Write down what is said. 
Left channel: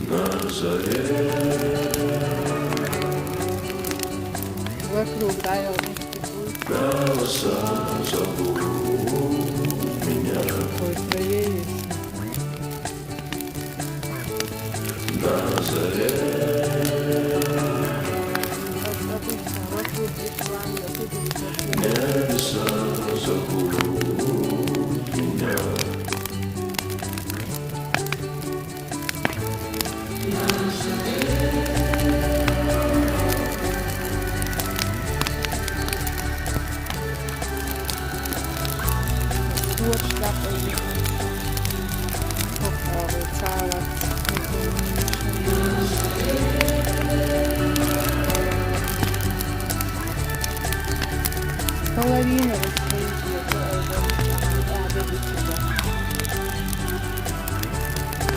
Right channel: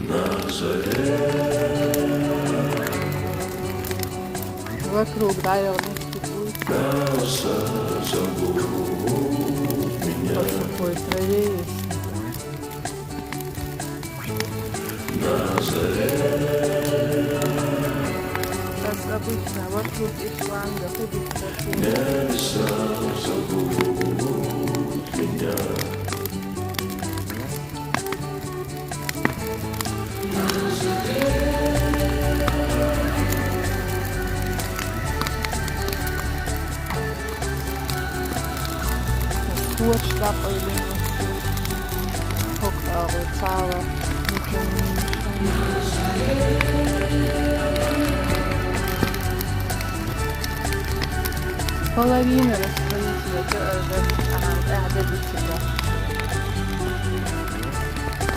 на заре. Вокруг, да, вернички будет. Голоса зовут меня По сухой траве есть. на заре. Как обычно, вокруг Исланда, тут и спокойно. Небеса зовут меня. Kurschlappe или Цала. Половина расстроителя, قاعدة بكذا.